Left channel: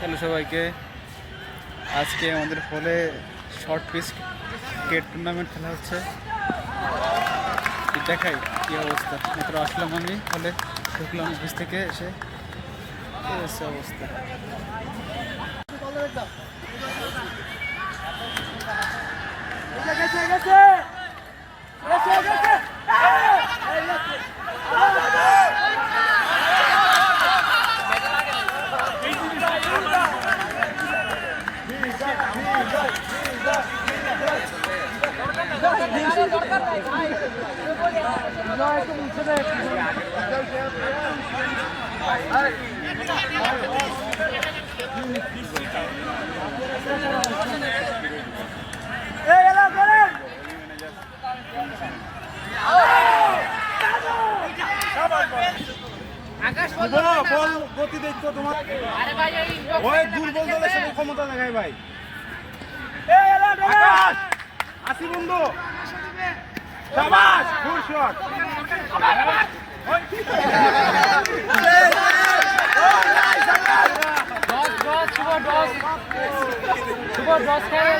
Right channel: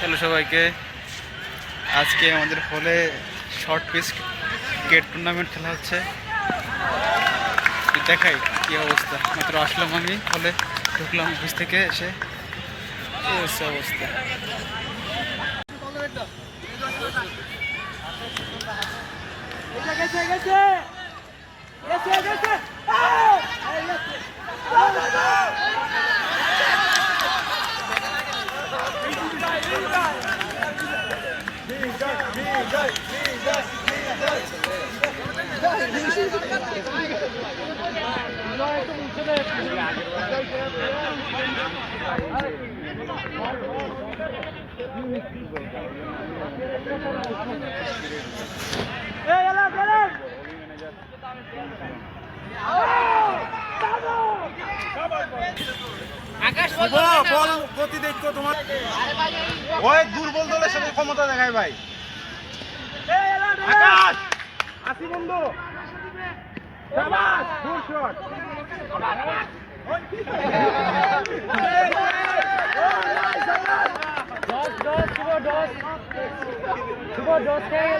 Hello সবাইকে। আজকে আমাদের হলে শর্ট পিস ক্রিকেট টুর্নামেন্ট খেলা হচ্ছে। দেখাই কি অবস্থা। মাত্র আসলাম আমি হলে, ঢুকলাম অফিস থেকে এসে। অবস্থা অবস্থা শুভ বল। গতি দেখো তোমার। ওই দুর্বল দলের সাথে ক্ষমতা দেখায় ভাই। আসি বন্ধু। সাবাস ফুল শট দশ দশ শুভ দশ শুভ খেয়ে